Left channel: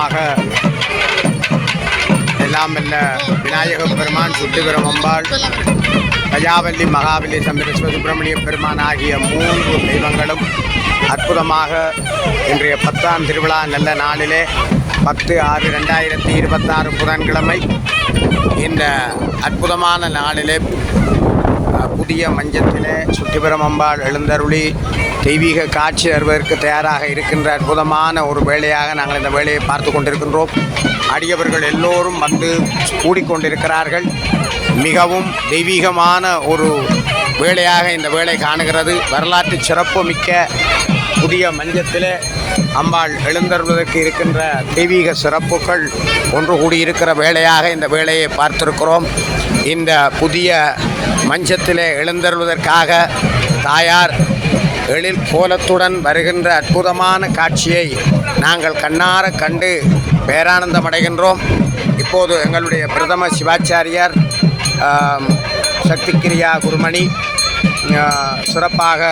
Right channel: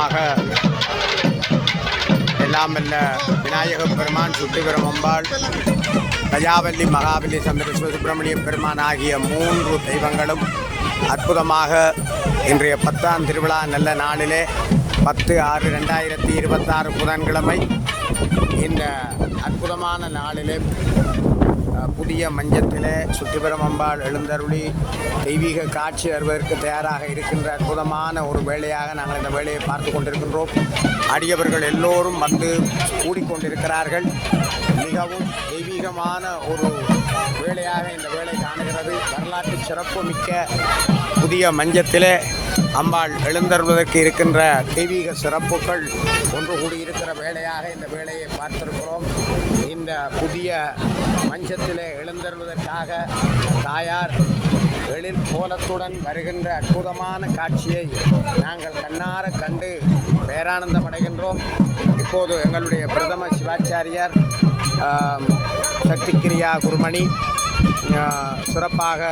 அற்புதமாக எல்லாம் வல்ல விநாயகப் பெருமான், சுத்திகரம் அம்பாள், கயாவல்லி, மகாவலி, சந்திரேஸ்வர சுப்பிரமணிய பெருமான் ஆகிய 3 தெய்வங்களும் அற்புதமாக இன்றைய 10ஆம் திருவிழா நல்ல நாளிலே 10/6/2026 புதன்கிழமை இந்த அற்புதமான நாளிலே புதிய மஞ்சத்திலே சுத்திபுரம் அம்பாள் எழுந்தருளி தெய்வீக காட்சி தருவதற்கு தயாராக இருக்கின்ற அற்புதமான ஒரு வேளையாக நாங்கள் இந்த வேலையை பார்த்து கொண்டிருக்கின்றோம். அடியவர்கள் எல்லோரும் வந்து கூடிக்கொண்டிருக்கிறார்கள். மிகவும் தெய்வீகமான ஒரு வேளையாக இந்த வேலை காணுகிறது. வரலாற்று சிறப்பு மிக்க புதிய மஞ்சத்திலே அம்பாள் எழுந்தருள்வதற்கு இருக்கின்ற தெய்வீக சிறப்புகள் ஒன்று கூடியிருக்கிற வேளையாக இந்த வேலையை பார்த்திருக்கிறோம். இந்த புதிய மஞ்சத்திலே எழுந்தருள்வதற்காக தாயார் எழில் கோலத்துடன் வருகின்ற அற்புதமான காட்சியை நாங்கள் கண்ணார கண்டு பேரானந்தம் அடைகின்றோம். இப்போது எங்களுடைய பிரதம சிவாச்சாரியார் சக்தி கிரியா குருமணி சிறப்பாக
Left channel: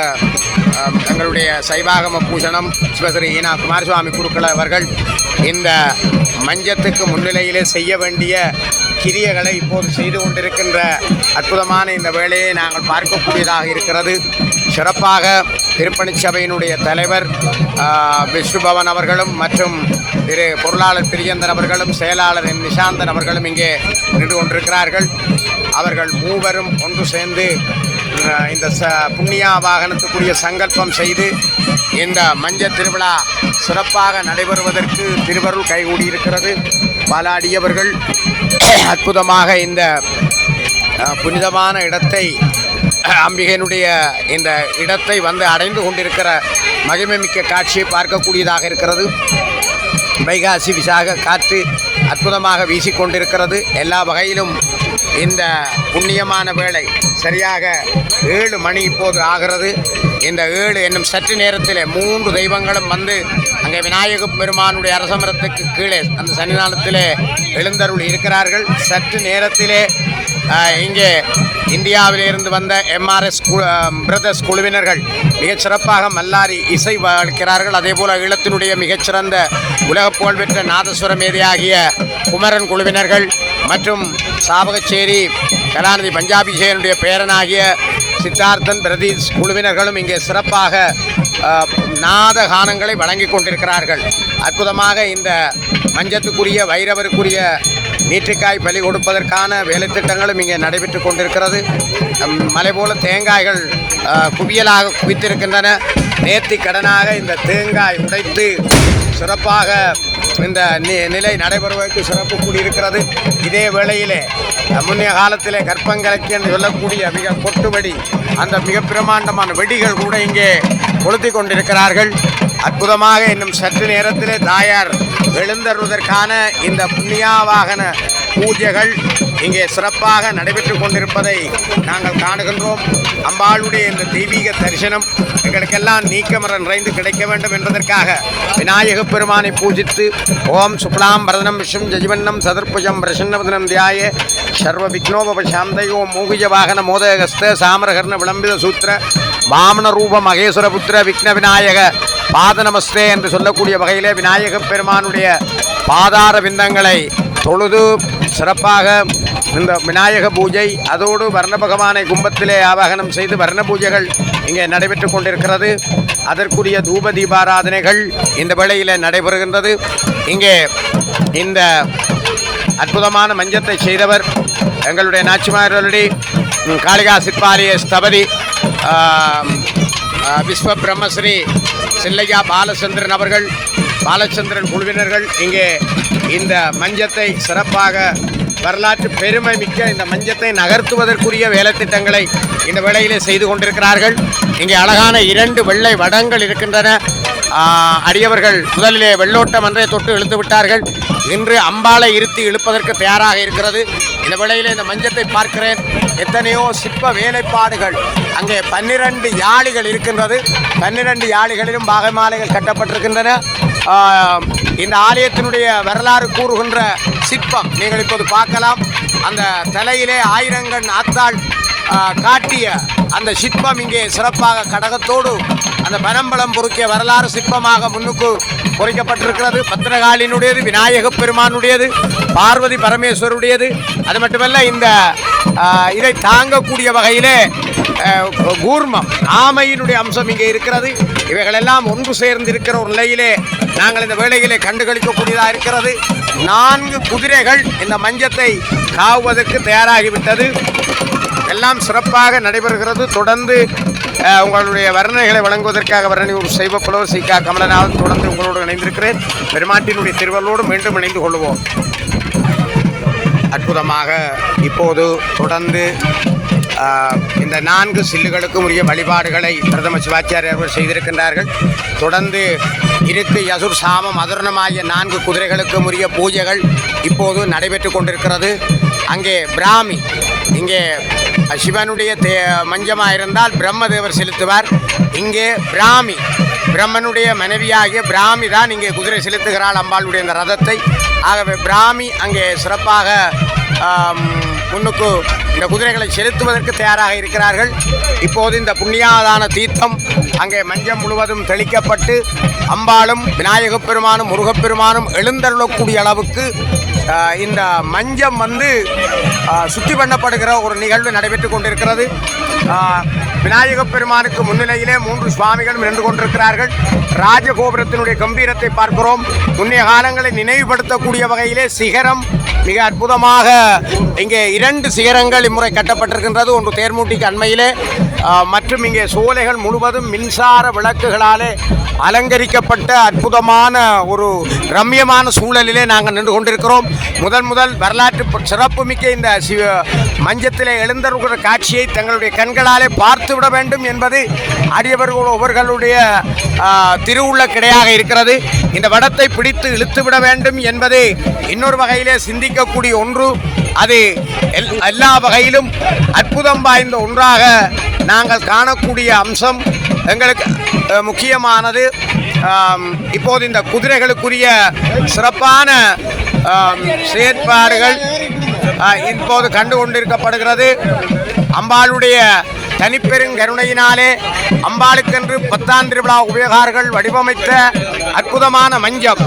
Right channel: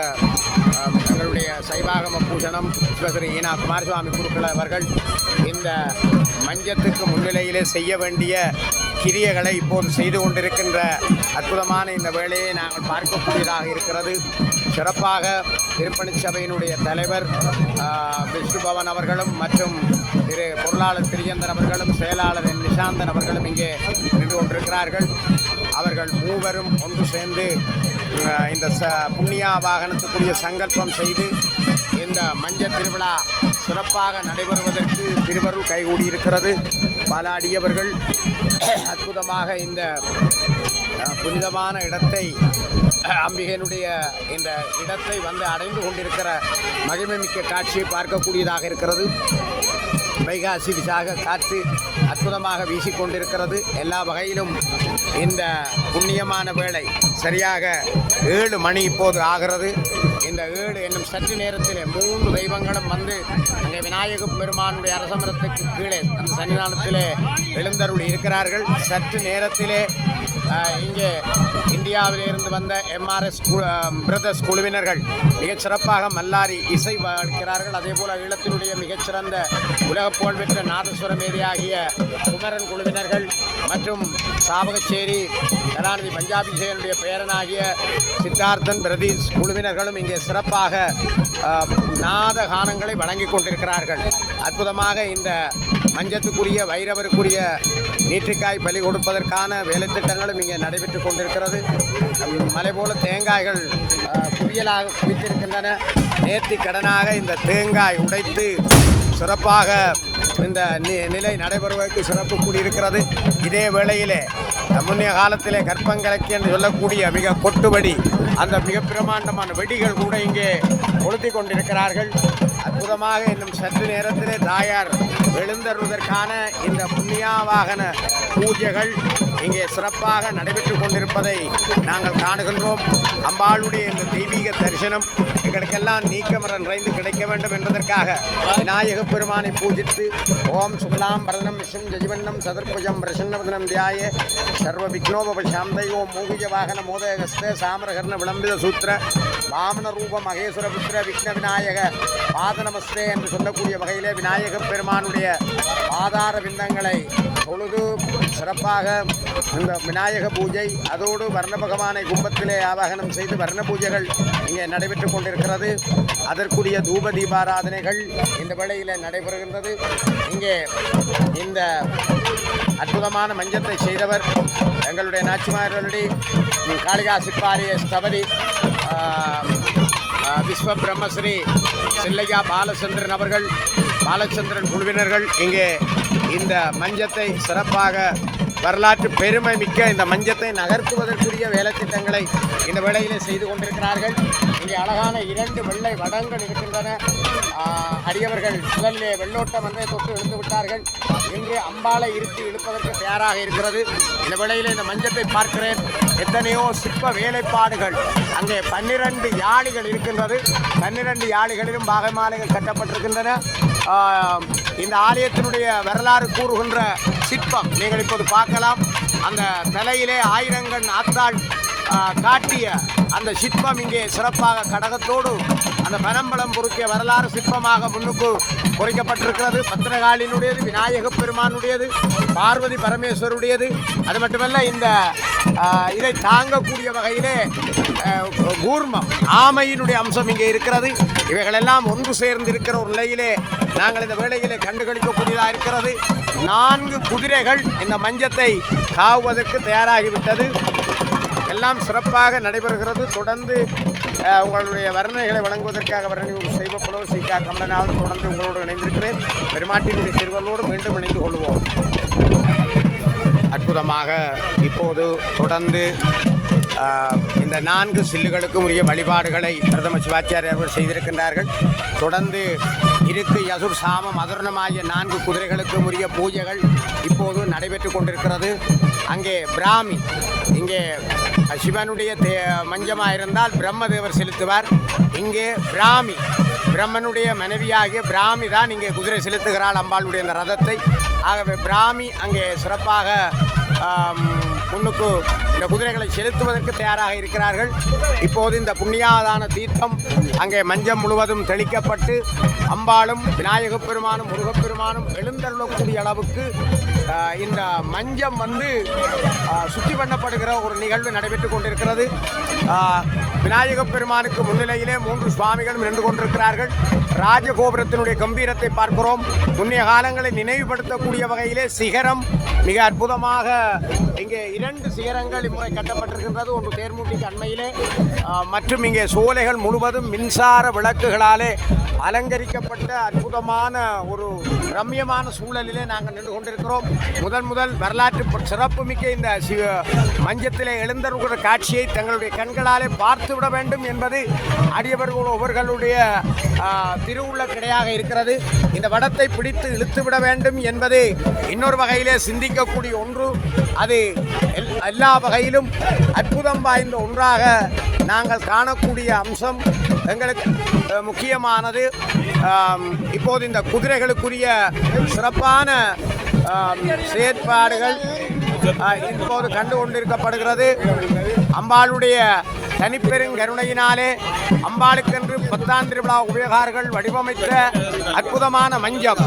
எங்களுடைய சைவாகம பூஷணம் சிவஸ்ரீ ஈனா குமாரசுவாமி குருக்கள் அவர்கள் இந்த மஞ்சத்துக்கு முன்னிலையிலே செய்ய வேண்டிய கிரியைகளை இப்போது செய்து கொண்டிருக்கின்ற அற்புதமான இந்த வேலையை நாங்கள் பார்க்கக்கூடியதாக இருக்கிறது. சிறப்பாக திருப்பணிச்சபையினுடைய தலைவர் விஷ்ணுபவன் அவர்களும் மற்றும் திரு பொருளாளர் பிரியந்தன் அவர்களும் செயலாளர் நிஷாந்தன் அவர்களும் இங்கே நின்று கொண்டிருக்கிறார்கள். அவர்கள் மூவரும் ஒன்று சேர்ந்து இந்த புண்ணியா வாகனத்துக்குரிய சங்கல்பம் செய்து இந்த மஞ்சள் திருவிழா சிறப்பாக நடைபெறுவதற்கு திருவருள் கைகூடியிருக்கிறது. பல அடியவர்கள் அற்புதமாக இந்த புனிதமான இடத்தை, அம்பிகையினுடைய இந்த இடத்தை வந்து அடைந்து கொண்டிருக்கிற மகிமைமிக்க காட்சியை பார்க்கக்கூடியதாக இருக்கிறது. வைகாசி விசாக காற்று அற்புதமாக வீசிக்கொண்டிருக்கிறது. எல்லா வகையிலும் இந்த புண்ணியமான வேளை சரியாக 7 மணி இப்போது ஆகிறது. இந்த 7 என்னும் சற்று நேரத்தில் 3 தெய்வங்களும் வந்து அங்கே விநாயகப் பெருமானுடைய அரசமரத்துக்கு கீழே அந்த சன்னிதானத்திலே எழுந்தருள் இருக்கிறார்கள். சற்று நேரத்திலே இங்கே இந்தியாவிலிருந்து வந்த MRS பிரதர்ஸ் குழுவினர்கள் மிகச் சிறப்பாக மல்லாரி இசை வளர்க்கிறார்கள். அதேபோல் ஈழத்தினுடைய மிகச்சிறந்த உலக புகழ்பெற்ற நாதஸ்வர மேதையாகிய குமரன் குழுவினர்கள் மற்றும் சாவகச்சேரி கலாநிதி பஞ்சாபிஷேனுடைய பேரனாகிய சித்தார்த்தன் பிரதீஷ் குழுவினர்களும் இங்கே சிறப்பாக நாத கானங்களை வழங்கி கொண்டிருக்கிறார்கள். அற்புதமாக இந்த மஞ்சத்துக்குரிய வைரவருக்குரிய நீற்றுக்காய் பலி கொடுப்பதற்கான வேலைத்திட்டங்களும் இங்கே நடைபெற்று கொண்டிருக்கிறது. மலை போல தேங்காய்கள் குவியலாக குவித்திருக்கின்றன. நேர்த்தி கடனாக இந்த தேங்காய் உடைத்து சிறப்பாக இந்த நிலை நடைபெறுவதற்கு சிறப்பு கூடியிருக்கிறது. இதே வேளையிலே முன்னைய காலத்திலே கற்பங்கலைக்கு என்று சொல்லக்கூடிய மிக கொட்டுவடி, அந்த மிக பிரமாண்டமான வெடிகள் கூட இங்கே கொளுத்தி கொண்டிருக்கிறார்கள். அற்புதமாக இன்னும் சற்று நேரத்திலே தாயார் எழுந்தருவதற்கான இந்த புண்ணியா வாகன பூஜைகள் இங்கே சிறப்பாக நடைபெற்று கொண்டிருப்பதை நாங்கள் காணுகின்றோம். அம்பாளுடைய இந்த தெய்வீக தரிசனம் எங்களுக்கெல்லாம் நீக்கமர நிறைந்து கிடைக்க வேண்டும் என்பதற்காக விநாயகப் பெருமானை பூஜித்து ஓம் சுக்லாம் பரதனம் விஷ்ணும் ஜஜிவண்ணம் சதுர்புஜம் பிரசன்னவதனம் தியாய சர்வ விக்னோபசாந்தையோ மூகிஜ வாகன மோதகஸ்த சாமரகர்ண விளம்பித சூத்திர வாமன ரூப மகேஸ்வரபுத்திர விக்ன விநாயக பாத நமஸ்தே என்று சொல்லக்கூடிய வகையிலே விநாயகப் பெருமானுடைய பாதார விந்தங்களை தொழுது சிறப்பாக இந்த விநாயக பூஜை, அதோடு வர்ண பகவானை கும்பத்திலே ஆவாகனம் செய்து வர்ண பூஜைகள் இங்கே நடைபெற்று கொண்டிருக்கிறது. அதற்குரிய தூப தீபாராதனைகள் இந்த வேளையில் நடைபெறுகின்றது. இங்கே இந்த அற்புதமான மஞ்சத்தை செய்தவர் எங்களுடைய நாச்சிமாரடி காளிகா சிற்பாரிய ஸ்தபதி விஸ்வ பிரம்மஸ்ரீ சில்லையா பாலச்சந்திரன் அவர்கள், பாலச்சந்திரன் குழுவினர்கள் இங்கே இந்த மஞ்சத்தை சிறப்பாக வரலாற்று பெருமை மிக்க இந்த மஞ்சத்தை நகர்த்துவதற்குரிய வேலைத்திட்டங்களை இந்த வேளையிலே செய்து கொண்டிருக்கிறார்கள். இங்கே அழகான 2 வெள்ளை வடங்கள் இருக்கின்றன. அடியவர்கள் முதலிலே வெள்ளோட்டம் அன்றே தொட்டு இழுத்து விட்டார்கள். இன்று அம்பாளை இருத்தி இழுப்பதற்கு தயாராக இருக்கிறது. இந்த வேளையிலே இந்த மஞ்சத்தை பார்க்கிறேன். எத்தனையோ சிற்ப வேலைப்பாடுகள், அங்கே 12 யாழிகள் இருக்கின்றது. 12 யாழிகளிலும் பாகமாலைகள் கட்டப்பட்டிருக்கின்றன. இந்த ஆலயத்தினுடைய வரலாறு கூறுகின்ற சிற்பம் நீங்கள் இப்போது பார்க்கலாம். அந்த தலையிலே 1000 ஆத்தாள் காட்டிய அந்த சிற்பம் இங்கே சிறப்பாக கடகத்தோடு அந்த பனம்பழம் பொறுக்கிய வரலாறு சிற்பமாக முன்னுக்கு பொறிக்கப்பட்டிருக்கிறது. பத்திரகாளியினுடையது, விநாயக பெருமானுடையது, பார்வதி பரமேஸ்வருடையது. அது மட்டுமல்ல, இந்த இதை தாங்கக்கூடிய வகையிலே கூர்மம் ஆமையினுடைய அம்சம் இங்கே இருக்கிறது. இவைகளெல்லாம் ஒன்று சேர்ந்து இருக்கிற ஒரு நிலையிலே நாங்கள் இந்த வேளையிலே கண்டுகளிக்கக்கூடியதாக இருக்கிறது. 4 குதிரைகள் இந்த மஞ்சத்தை காவுவதற்கு தயாராகிவிட்டது. எல்லாம் சிறப்பாக நடைபெறுகிறது. தொடர்ந்து உங்களுடைய வர்ணனைகளை வழங்குவதற்காக வர்ணனையூர் சைவ புலவர் சி.க. கமலநாதன் தொடர்ந்து உங்களோடு இணைந்திருக்கிறேன். பெருமாட்டினுடைய திருவள்ளோடு மீண்டும் இணைந்து கொள்வோம். அற்புதமாக இப்போது தொடர்ந்து இந்த 4 சில்லுகளுக்கும் உரிய வழிபாடுகளை பிரதம சிவாச்சாரியர்கள் செய்திருக்கின்றார்கள். தொடர்ந்து இருக்கு யசுர் சாமம் அதர்ணமாகிய 4 குதிரைகளுக்கும் உரிய பூஜைகள் இப்போது நடைபெற்று கொண்டிருக்கிறது. அங்கே பிராமி, இங்கே சிவனுடைய மஞ்சமாக இருந்தால் பிரம்மதேவர் செலுத்துவார். இங்கே பிராமி, பிரம்மனுடைய மனைவியாகிய பிராமி தான் இங்கே குதிரை செலுத்துகிறாள் அம்பாளுடைய இந்த ரதத்தை. ஆகவே பிராமி அங்கே சிறப்பாக முன்னுக்கு இந்த குதிரைகளை செலுத்துவதற்கு தயாராக இருக்கிறார்கள். இப்போது இந்த புண்ணியாதான தீர்த்தம் அங்கே மஞ்சள் முழுவதும் தெளிக்கப்பட்டு அம்பாளும் விநாயகப் பெருமானும் முருகப்பெருமானும் எழுந்தருளக்கூடிய அளவுக்கு இந்த மஞ்சம் சுத்தி பண்ணப்படுகிற ஒரு நிகழ்வு நடைபெற்று கொண்டிருக்கிறது. விநாயகப் பெருமானுக்கு முன்னிலையிலே 3 சுவாமிகளும் நின்று கொண்டிருக்கிறார்கள். ராஜகோபுரத்தினுடைய கம்பீரத்தை பார்க்கிறோம். முன்னைய காலங்களை நினைவுபடுத்தக்கூடிய வகையிலே சிகரம் மிக அற்புதமாக இங்கே 2 சிகரங்கள் இம்முறை கட்டப்பட்டிருக்கின்றது. ஒன்று தேர்மூட்டிக்கு அண்மையிலே, மற்றும் இங்கே சோலைகள் முழுவதும் மின்சார விளக்குகளாலே அலங்கரிக்கப்பட்ட அற்புதமான ஒரு ரம்யமான சூழலிலே நாங்கள் நின்று கொண்டிருக்கிறோம். முதல் வரலாற்று சிறப்புமிக்க இந்த மஞ்சத்திலே எழுந்தருகிற காட்சியை தங்களுடைய கண்களாலே பார்த்துவிட வேண்டும் என்பது அடியவர்கள் ஒவ்வொருவர்களுடைய திருவுள்ள கிடையாக இருக்கிறது. இந்த வடத்தை பிடித்து இழுத்துவிட வேண்டும் என்பது இன்னொரு வகையிலே சிந்திக்கக்கூடிய ஒன்று. அது எல்லா வகையிலும் அற்புதம் வாய்ந்த ஒன்றாக நாங்கள் காணக்கூடிய அம்சம் எங்களுக்கு முக்கியமானது. இப்போது இந்த குதிரைகளுக்குரிய சிறப்பான செயற்பாடுகள் இப்போது கண்டு கொண்டிருக்கப்படுகிறது. அம்பாளுடைய தனிப்பெருங்கருணையினாலே அம்பாளுக்கென்று 10ஆம் திருவிழா உபயோகார்கள் வடிவமைத்த அற்புதமான மஞ்சம்,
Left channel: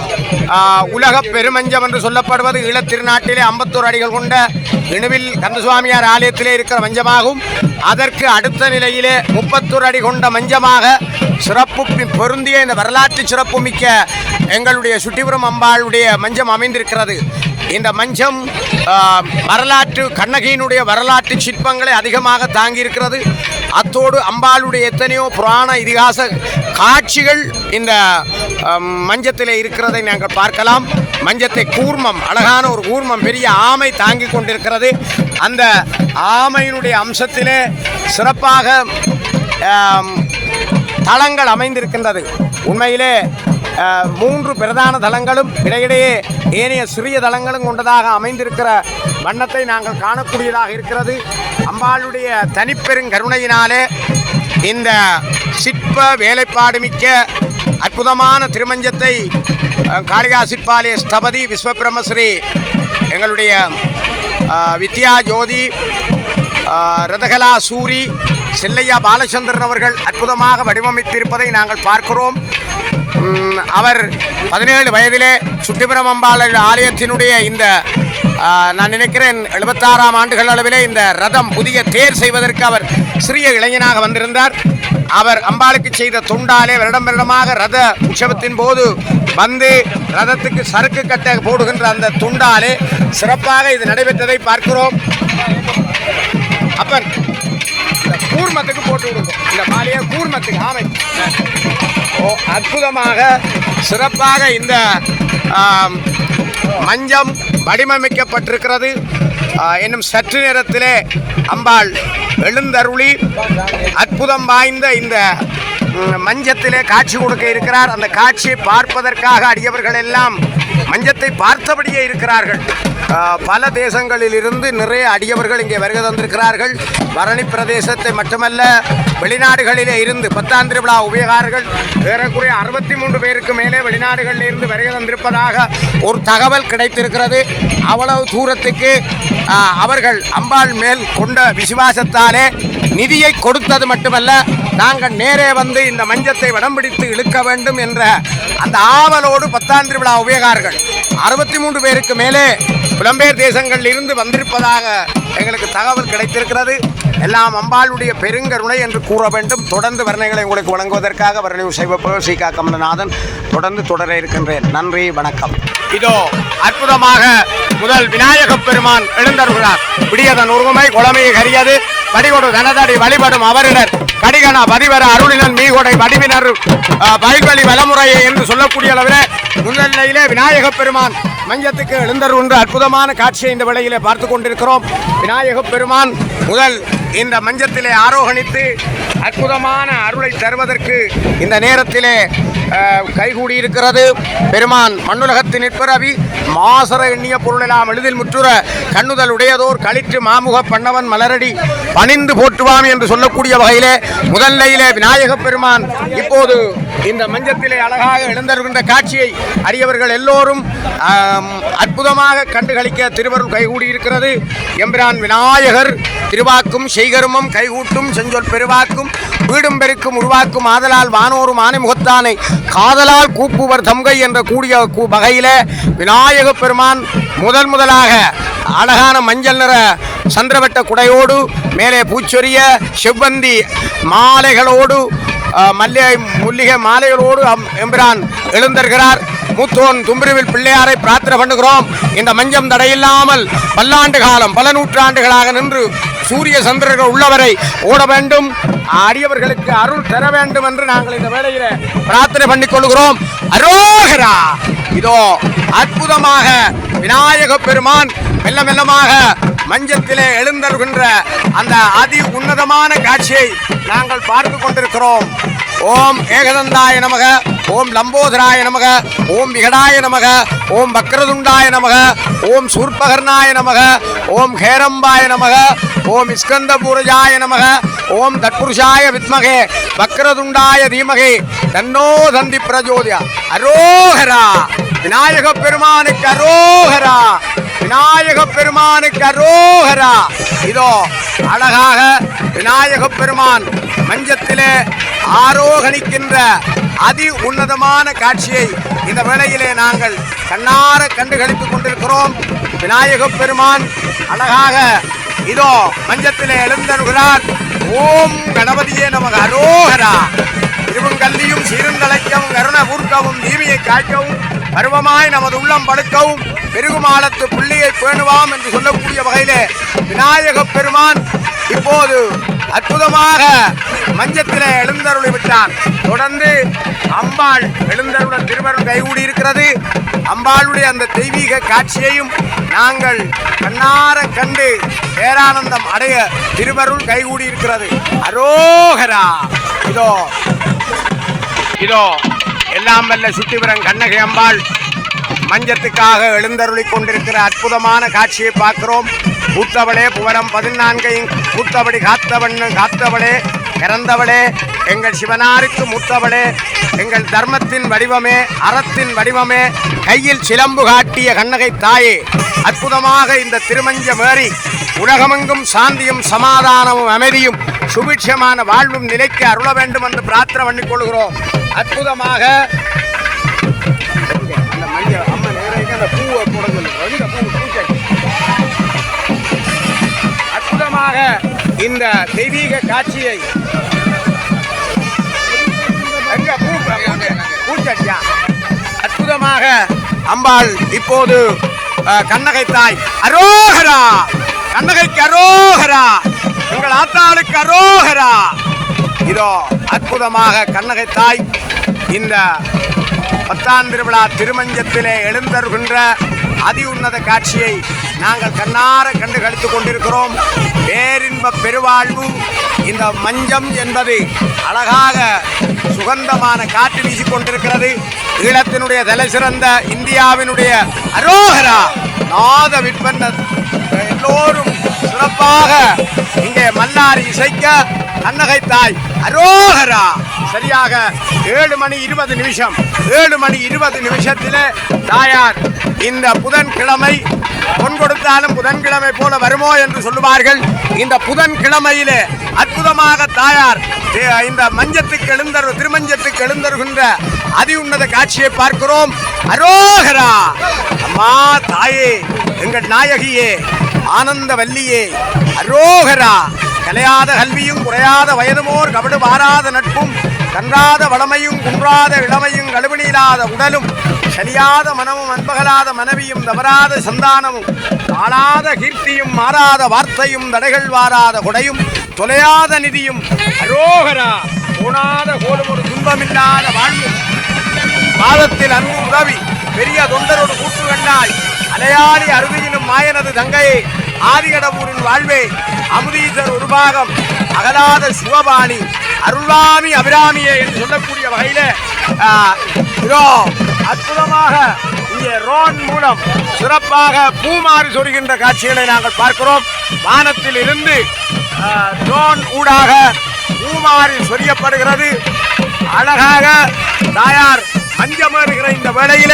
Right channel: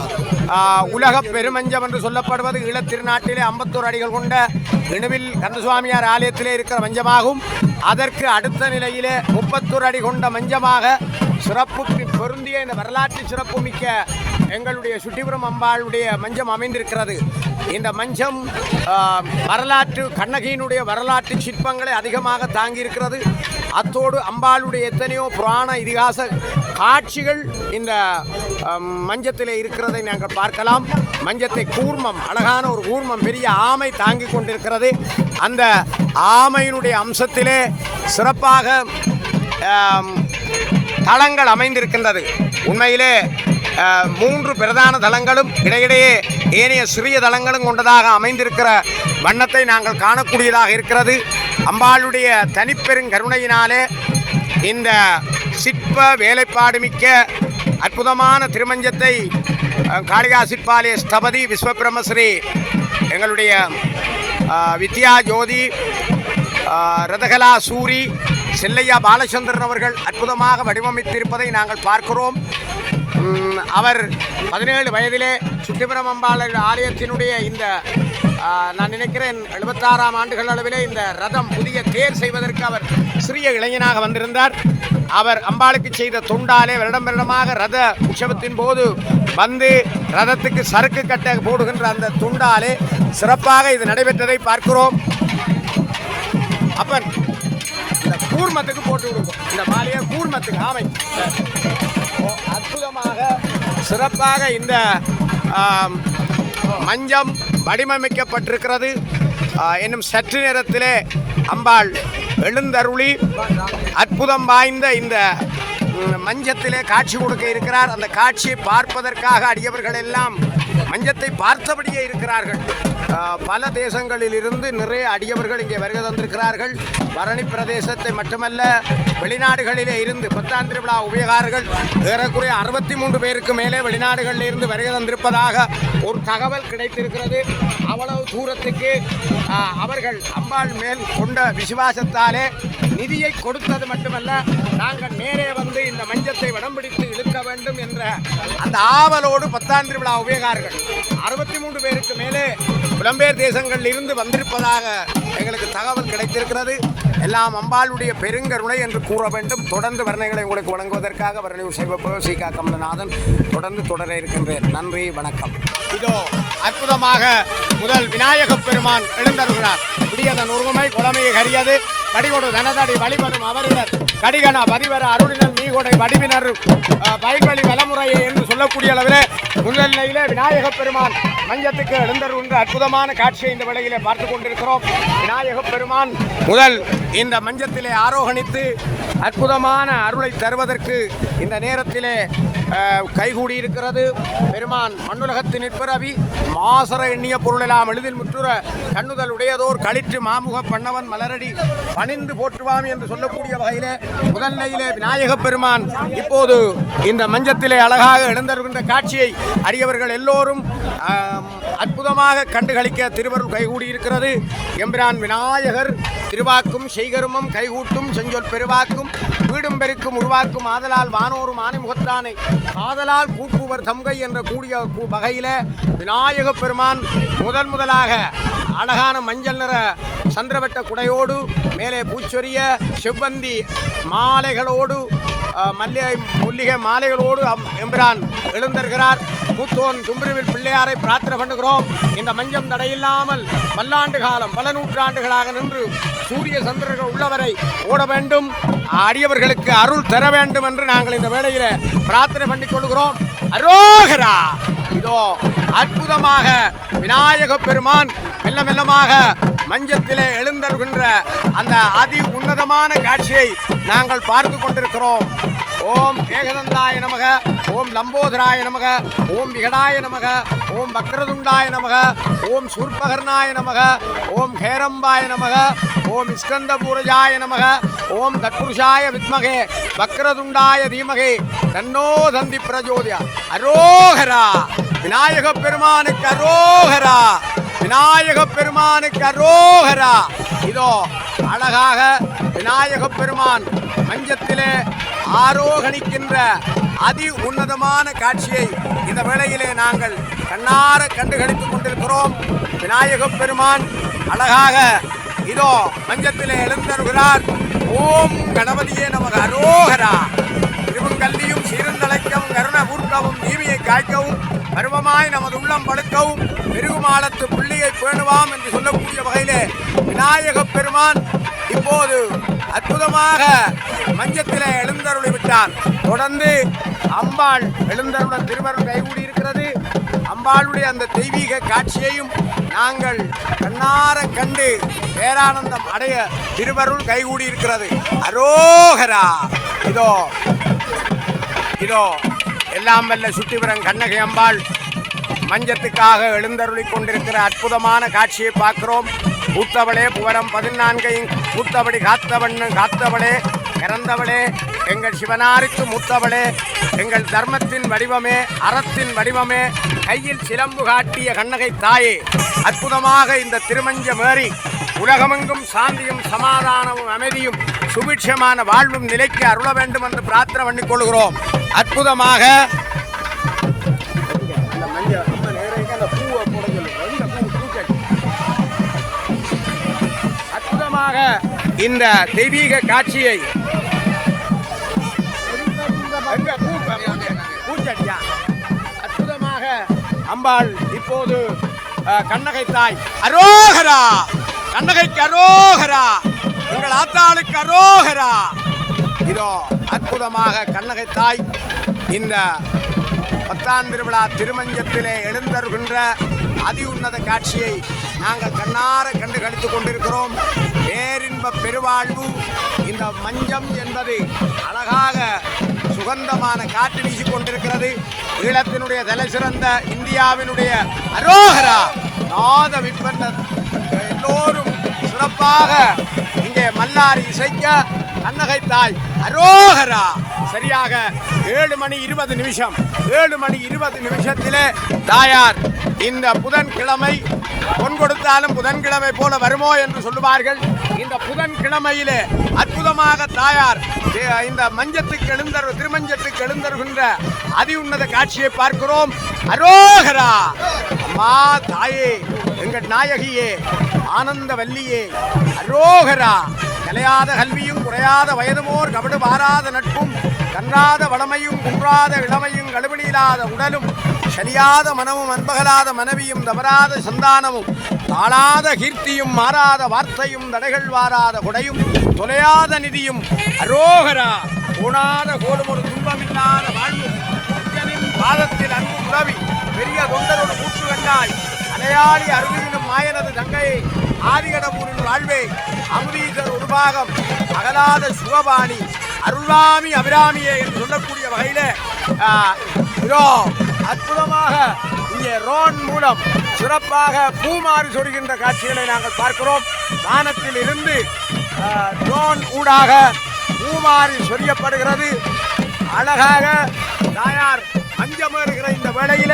உலக பெருமஞ்சம் என்று சொல்லப்படுவது ஈழத்திருநாட்டிலே 51 அடிகள் கொண்ட இணுவில் கந்தசுவாமியார் ஆலயத்திலே இருக்கிற மஞ்சமாகும். அதற்கு அடுத்த நிலையிலே 31 அடி கொண்ட மஞ்சமாக சிறப்பு பொருந்திய இந்த வரலாற்று சிறப்புமிக்க எங்களுடைய சுட்டிபுரம் அம்பாளுடைய மஞ்சம் அமைந்திருக்கிறது. இந்த மஞ்சம் வரலாற்று கண்ணகியினுடைய வரலாற்று சிற்பங்களை அதிகமாக தாங்கியிருக்கிறது. அத்தோடு அம்பாளுடைய எத்தனையோ புராண இதிகாச காட்சிகள் இந்த மஞ்சத்திலே இருக்கிறதை நாங்கள் பார்க்கலாம். மஞ்சத்தை கூர்மம், அழகான ஒரு கூர்மம், பெரிய ஆமை தாங்கி கொண்டிருக்கிறது. அந்த ஆமையினுடைய அம்சத்திலே சிறப்பாக தளங்கள் அமைந்திருக்கின்றது. உண்மையிலே 3 பிரதான தளங்களும் இடையிடையே ஏனைய சிறிய தளங்களும் கொண்டதாக அமைந்திருக்கிற வண்ணத்தை நாங்கள் காணக்கூடியதாக இருக்கிறது. அம்பாளுடைய தனிப்பெருங்கருணையினாலே இந்த சிற்ப வேலைப்பாடு மிக்க அற்புதமான திருமஞ்சத்தை காளிகா சிற்பாலய ஸ்தபதி விஸ்வபிரம்மஸ்ரீ எங்களுடைய வித்யா ஜோதி ரதகலா சூரி செல்லையா பாலச்சந்திரன் அவர்கள் அற்புதமாக வடிவமைத்திருப்பதை நாங்கள் பார்க்கிறோம். அவர் 17 வயதிலே சுட்டிபுரம் அம்பாள் ஆலயத்தினுடைய இந்த நான் நினைக்கிறேன் 76ஆம் ஆண்டுகள் அளவிலே இந்த ரதம் புதிய தேர் செய்வதற்கு அவர் சிறிய இளைஞனாக வந்திருந்தார். அவர் அம்பாளுக்கு செய்த தொண்டாலே வருடமாக ரத உற்சவத்தின் போது வந்து ரதத்துக்கு சரக்கு கட்ட போடுகின்ற அந்த துண்டாலே சிறப்பாக இது நடைபெற்றதை பார்க்கிறோம். அப்பன் கூர்மத்துக்கு போட்டு விடுவோம், இந்த மாலையை கூர்மத்துக்கு ஆமை அற்புதமாக சிறப்பாக இந்த மஞ்சம் வடிவமைக்கப்பட்டிருக்கிறது. இன்னும் சற்று நேரத்திலே அம்பாள் எழுந்தருளி அற்புதம் வாய்ந்த இந்த மஞ்சத்திலே காட்சி கொடுக்க இருக்கிறார். அந்த காட்சியை பார்ப்பதற்காக அடியவர்கள் எல்லாம் மஞ்சத்தை பார்த்தபடியே இருக்கிறார்கள். பல தேசங்களில் இருந்து நிறைய அடியவர்கள் இங்கே வருகை தந்திருக்கிறார்கள். பரணி பிரதேசத்தை மட்டுமல்ல, வெளிநாடுகளிலே இருந்து 10ஆம் திருவிழா உபயோகார்கள் ஏறக்குறைய 63 பேருக்கு மேலே வெளிநாடுகளில் இருந்து வருகை தந்திருப்பதாக ஒரு தகவல் கிடைத்திருக்கிறது. அவ்வளவு தூரத்துக்கு அவர்கள் அம்பாள் மேல் கொண்ட விசுவாசத்தாலே நிதியை கொடுத்தது மட்டுமல்ல, நாங்கள் நேரே வந்து இந்த மஞ்சத்தை வடம் பிடித்து இழுக்க வேண்டும் என்ற அந்த ஆவலோடு பத்தாம் திருவிழா உபயோகார்கள் 63 பேருக்கு மேலே புலம்பெயர் தேசங்களில் இருந்து வந்திருப்பதாக எங்களுக்கு தகவல் கிடைத்திருக்கிறது. எல்லாம் அம்பாளுடைய பெருங்கருணை என்று கூற வேண்டும். தொடர்ந்து வர்ணங்களை உங்களுக்கு வழங்குவதற்காக வர்ணனை செய்வப்போ சீகா கமலநாதன் தொடர்ந்து தொடர இருக்கின்றேன். நன்றி, வணக்கம். இதோ அற்புதமாக முதல் விநாயகப் பெருமான் எழுந்தருகிறார். விடியதன் உருவமை குளமையை கரியது வடிகொடு தனதடி வழிபடும் அவரிடர் கடிகண பதிவர அருளினன் மீகொடை வடிவினர் வயல்வழி வலமுறையை என்று சொல்லக்கூடிய அளவில் முன்னிலையிலே விநாயகப் பெருமான் மஞ்சத்துக்கு எழுந்தருகின்ற அற்புதமான காட்சியை இந்த வேளையிலே பார்த்து கொண்டிருக்கிறோம். விநாயகப் பெருமான் முதல் இந்த மஞ்சத்திலே ஆரோகணித்து அற்புதமான அருளை தருவதற்கு இந்த நேரத்திலே கைகூடியிருக்கிறது. பெருமான் மண்ணுலகத்தின் நிற்பரவி மாசர எண்ணிய பொருளெல்லாம் எளிதில் முற்றுற கண்ணுதல் உடையதோர் களிற்று மாமுக பண்ணவன் மலரடி பணிந்து போற்றுவாம் என்று சொல்லக்கூடிய வகையிலே முதல்நிலையிலே விநாயகப் பெருமான் இப்போது இந்த மஞ்சத்திலே அழகாக எழுந்தருகின்ற காட்சியை அடியவர்கள் எல்லோரும் அற்புதமாக கண்டுகளிக்க திருவருள் கைகூடியிருக்கிறது. எம்பிரான் விநாயகர் திருவாக்கும் செய்கருமம் கைகூட்டும் செஞ்சொல் பெருவாக்கும் வீடும் பெருக்கும் உருவாக்கும் ஆதலால் வானோரும் ஆனை முகத்தானை காதலால் கூப்புவர் தம்கை என்ற கூடிய வகையில விநாயகப் பெருமான் முதலாக அழகான மஞ்சள் நிற சந்திரவட்ட குடையோடு மேலே பூச்சொரிய செவ்வந்தி மாலைகளோடு முல்லிகை மாலைகளோடு எம்பிரான் எழுந்தருகிறார். மூத்தோன் தும்பிரிவில் பிள்ளையாரை பிரார்த்தனை பண்ணுகிறோம். இந்த மஞ்சம் தடையில்லாமல் பல்லாண்டு காலம் பல நூற்றாண்டுகளாக நின்று சூரிய சந்திரர்கள் உள்ளவரை ஓட வேண்டும், அடியவர்களுக்கு அருள் தர வேண்டும் என்று நாங்கள் இந்த வேளையில பிரார்த்தனை பண்ணிக் கொள்கிறோம். அரோகரா! இதோ அற்புதமாக விநாயகப் பெருமான் மெல்ல மெல்லமாக மஞ்சத்திலே எழுந்தருகின்ற அந்த அதி உன்னதமான காட்சியை நாங்கள் பார்த்து கொண்டிருக்கிறோம். ஓம் ஏகதந்தாய நமக, ஓம் லம்போதராய நமக, ஓம் விகடாய நமக, ஓம் வக்ரதுண்டாய நமக, ஓம் சூர்பகர்ணாய நமக, ஓம் ஹேரம்பாய நமக, ஓம் ஸ்கந்தபூரஜாய நமக, ஓம் தட்புருஷாய வித்மகே வக்ரதுண்டாய தீமகே தன்னோ தந்தி பிரஜோதியா. அரோகரா! விநாயகப் பெருமானுக்கு அரோகரா! விநாயகப் பெருமானுக்கு அரோகரா! இதோ அழகாக விநாயகப் பெருமான் மஞ்சத்திலே ஆரோகணிக்கின்ற அதி உன்னதமான காட்சியை இந்த வேளையிலே நாங்கள் கண்ணார கண்டுகளித்துக் கொண்டிருக்கிறோம். விநாயகப் பெருமான் அழகாக இதோ மஞ்சத்திலே எழுந்தருகிறார். ஓம் கணபதியே நமக்கு அரோகரா! திருவங்கல்லியும் சீரந்தளைக்கவும் கருண கூர்க்கவும் தீவியை காய்க்கவும் பருவமாய் நமது உள்ளம் படுக்கவும் பெருகுமாலத்து புள்ளியை பேணுவாம் என்று சொல்லக்கூடிய வகையிலே விநாயகப் பெருமான் இப்போது அற்புதமாக மஞ்சத்திலே எழுந்தருளி விட்டார். தொடர்ந்து அம்பாள் எழுந்தருள திருவருள் கைகூடி இருக்கிறது. அம்பாளுடைய அந்த தெய்வீக காட்சியையும் நாங்கள் கண்ணார கண்டு பேரானந்தம் அடைய திருவருள் கைகூடி இருக்கிறது. அரோகரா! இதோ எல்லாம் வல்ல சுட்டிபுரம் கண்ணகை அம்பாள் மஞ்சத்துக்காக எழுந்தருளி கொண்டிருக்கிற அற்புதமான காட்சியை பார்க்கிறோம். பூத்தவளே புவனம் 14 பூத்தபடி காத்தவளே இறந்தவளே எங்கள் சிவனாருக்கு மூத்தவளே எங்கள் தர்மத்தின் வடிவமே அறத்தின் வடிவமே கையில் சிலம்பு காட்டிய கண்ணகை தாயே அற்புதமாக இந்த திருமஞ்சமேறி உலகமெங்கும் சாந்தியும் சமாதானமும் அமைதியும் சுபிட்சமான வாழ்வும் நிலைக்கு அருள வேண்டும் என்று பிரார்த்தனை பண்ணிக் கொள்கிறோம். அற்புதமாக இந்த தெய்வீக காட்சியை அற்புதமாக அம்பாள் இப்போது கண்ணகை தாய் அரோகரா! கண்ணகைக்கு அரோகரா! எங்கள் ஆத்தாளுக்கு அரோகரா! இதோ அற்புதமாக கண்ணகை தாய் இந்த 10ஆம் திருவிழா திருமஞ்சத்திலே எழுந்தருகின்ற அதி உன்னத காட்சியை நாங்கள் கண்ணார கண்டு கழித்துக் கொண்டிருக்கிறோம். பேரின்ப பெருவாழ்வு இந்த மஞ்சம் என்பது அழகாக சுகந்தமான காற்று வீசிக்கொண்டிருக்கிறது. ஈழத்தினுடைய தலை சிறந்த இந்தியாவினுடைய அரோகரா நாத விற்பனர் எல்லோரும் சிறப்பாக இங்கே மல்லாரி இசைக்க கண்ணகை தாய் அரோகரா! சரியாக 7:20 7:20 தாயார் இந்த புதன்கிழமை பொன் கொடுத்தாலும் புதன்கிழமை போல வருமோ என்று சொல்லுவார்கள். இந்த புதன்கிழமையிலே அற்புதமாக தாயார் இந்த மஞ்சத்துக்கு திருமஞ்சத்துக்கு எழுந்தருகின்ற அதி உன்னத காட்சியை பார்க்கிறோம். அரோகரா அம்மா தாயே, எங்கள் நாயகியே, ஆனந்த வல்லியே, அரோகரா. கலையாத கல்வியும் குறையாத வயதுமோர் கபடு வாராத நட்பும் கன்றாத வளமையும் குன்றாத இளமையும் கழுவினிலாத உடலும் சரியாத மனமும் அன்பகலாத மனைவியும் தவறாத சந்தானமும் வாழாத கீர்த்தியும் மாறாத வார்த்தையும் தடைகள் வாராத கொடையும் தொலையாத நிதியும் அரோகரா. போனாத கோடும் ஒரு துன்பமில்லாத வாழ்வு மாதத்தில் அன்பு உதவி பெரிய தொண்டரோடு கூட்டு கண்டாய் அலையாளி அருவியிலும் மாயனது தங்கையை ஆதிகடவூரின் வாழ்வே அமுதீசர் ஒரு பாகம் அகலாத சிவபாணி அருள்வாமி அபிராமியே என்று சொல்லக்கூடிய வகையில அற்புதமாக இங்கே ரோன் மூலம் சிறப்பாக பூமாறி சொருகின்ற காட்சிகளை நாங்கள் பார்க்கிறோம். வானத்தில் இருந்து ரோன் ஊடாக பூமாறி சொரியப்படுகிறது. அழகாக தாயார் மஞ்சமேறுகிற இந்த வேளையில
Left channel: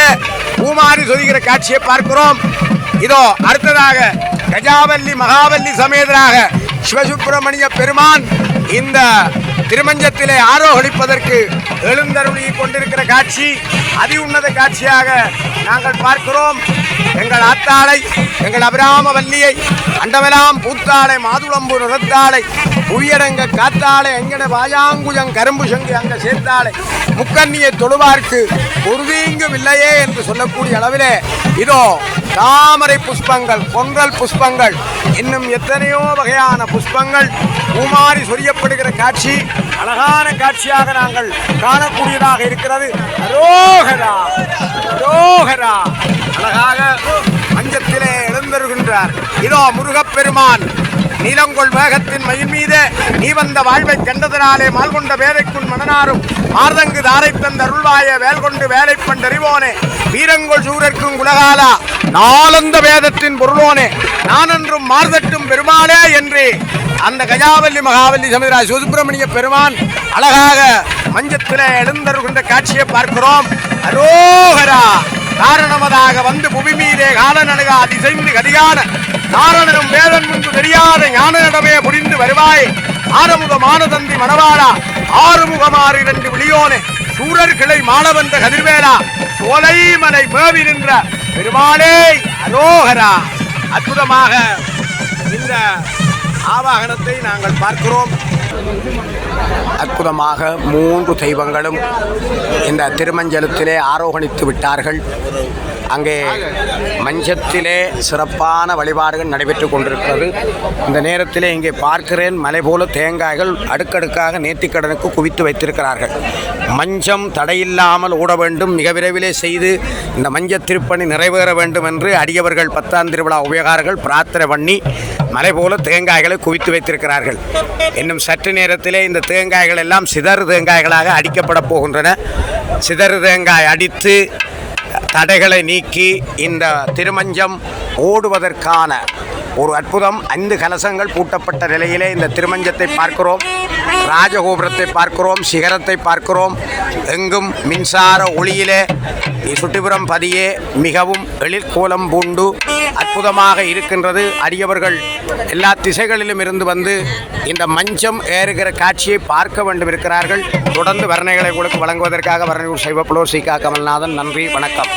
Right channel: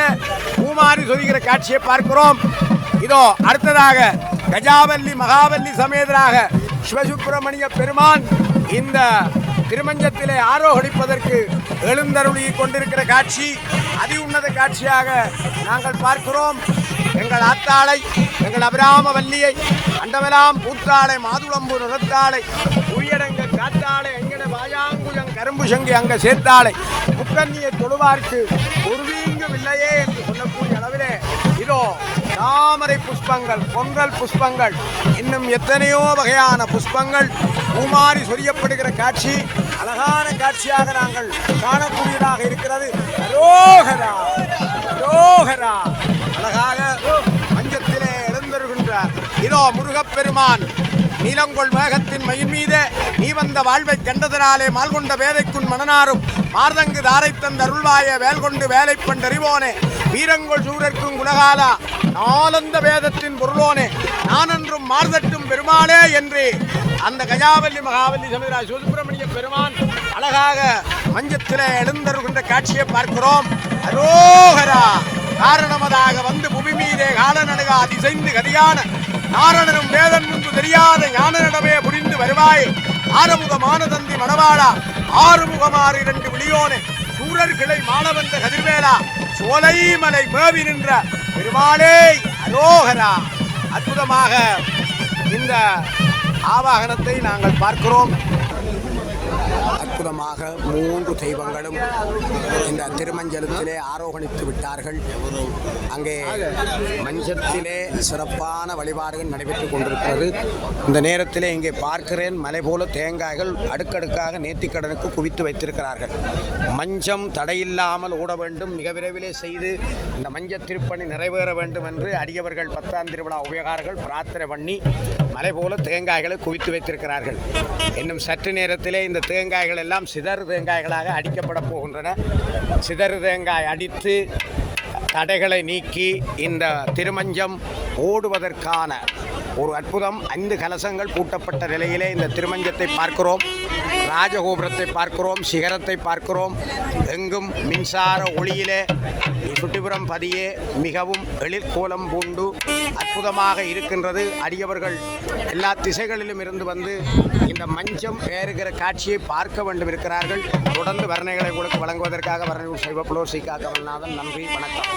பூமாறி சொரிகிற காட்சியை பார்க்கிறோம். இதோ அடுத்ததாக கஜாவல்லி மகாவல்லி சமேதராக சிவசுப்பிரமணிய பெருமான் இந்த திருமஞ்சத்திலே ஆரோகணிப்பதற்கு எழுந்தருளி கொண்டிருக்கிற காட்சி அதி உன்னத காட்சியாக நாங்கள் பார்க்கிறோம். எங்கள் ஆத்தாளை, எங்கள் அபிராம வல்லியை, அண்டமெல்லாம் பூத்தாளை, மாதுளம்பு நிறத்தாளை, புவியரங்க காத்தாளை, எங்கட வாயாங்குஜங் கரும்பு சங்கி அங்க சேர்த்தாளை, முக்கண்ணியை தொழுவார்க்கு உறுதிங்கும் இல்லையே என்று சொல்லக்கூடிய அளவிலே இதோ தாமரை புஷ்பங்கள், பொங்கல் புஷ்பங்கள், இன்னும் எத்தனையோ வகையான புஷ்பங்கள் பூமாறி சொரியப்படுகிற காட்சி அழகான காட்சியாக நாங்கள் காணக்கூடியதாக இருக்கிறது. அரோகரா அரோகரா. அழகாக மஞ்சத்திலே எழுந்தருகின்றார். இதோ முருகப்பெருமான் நீலங்கொள் வேகத்தின் மயில் மீதே நீ வந்த வாழ்வை கண்டதனாலே மால்கொண்ட வேலைக்குள் மனநாரும் மார்தங்கு தாரை தந்த அருள்வாய வேல்கொண்டு வேலை பண்டறிவோனே வீரங்கொள் சூரர்க்கும் உலகாலா நாளந்த வேதத்தின் பொருளோனே நானென்றும் மார்தட்டும் பெருமானே என்று அந்த கஜாவல்லி மகாவல்லி சமேதரா சிவசுப்பிரமணிய பெருமான் அழகாக மஞ்சத்திலே எழுந்தருகின்ற காட்சியை பார்க்கிறோம். அரோகரா. காரணமதாக வந்து புவி மீதே காலநடுகா திசைந்து கதிகான நாரணனும் வேதன் முன்பு தெரியாத ஞான நடமே புரிந்து வருவாய் ஆறுமுகமான தந்தி மணவாளா ஆறுமுகமாறு இரண்டு விழியோனே சூரர் கிளை மாணவந்த கதிர்வேலா சோலைமலை மேவி நின்ற பெருமானே அரோகரா. அற்புதமாக இந்த ஆவாகனத்தை நாங்கள் பார்க்கிறோம். அற்புதமாக 3 தெய்வங்களும் இந்த திருமஞ்சலத்திலே ஆரோகணித்து விட்டார்கள். அங்கே மஞ்சத்திலே சிறப்பான வழிபாடுகள் நடைபெற்று கொண்டிருக்கிறது. இந்த நேரத்திலே இங்கே பார்க்கிறேன் மலை போல தேங்காய்கள் அடுக்கடுக்காக நேர்த்திக்கடனுக்கு குவித்து வைத்திருக்கிறார்கள். மஞ்சம் தடையில்லாமல் ஓட வேண்டும், மிக விரைவிலே செய்து இந்த மஞ்ச திருப்பணி நிறைவேற வேண்டும் என்று அடியவர்கள் 10ஆம் திருவிழா உபயோகாரர்கள் பிரார்த்தனை பண்ணி மலை போல தேங்காய்களை குவித்து வைத்திருக்கிறார்கள். இன்னும் சற்று நேரத்திலே இந்த தேங்காய்கள் எல்லாம் சிதறு தேங்காய்களாக அடிக்கப்பட போகின்றன. சிதறு தேங்காய் அடித்து தடைகளை நீக்கி இந்த திருமஞ்சம் ஓடுவதற்கான ஒரு அற்புதம். 5 கலசங்கள் பூட்டப்பட்ட நிலையிலே இந்த திருமஞ்சத்தை பார்க்கிறோம். ராஜகோபுரத்தை பார்க்கிறோம், சிகரத்தை பார்க்கிறோம். எங்கும் மின்சார ஒளியிலே சுட்டிபுரம் பதியே மிகவும் எழிற்கோலம் பூண்டு அற்புதமாக இருக்கின்றது. அடியவர்கள் எல்லா திசைகளிலும் இருந்து வந்து இந்த மஞ்சம் ஏறுகிற காட்சியை பார்க்க வேண்டும் இருக்கிறார்கள். தொடர்ந்து வர்ணனைகளை உங்களுக்கு வழங்குவதற்காக வர்ணனை சைவ புலோர் சீகா கமல்நாதன். நன்றி, வணக்கம்.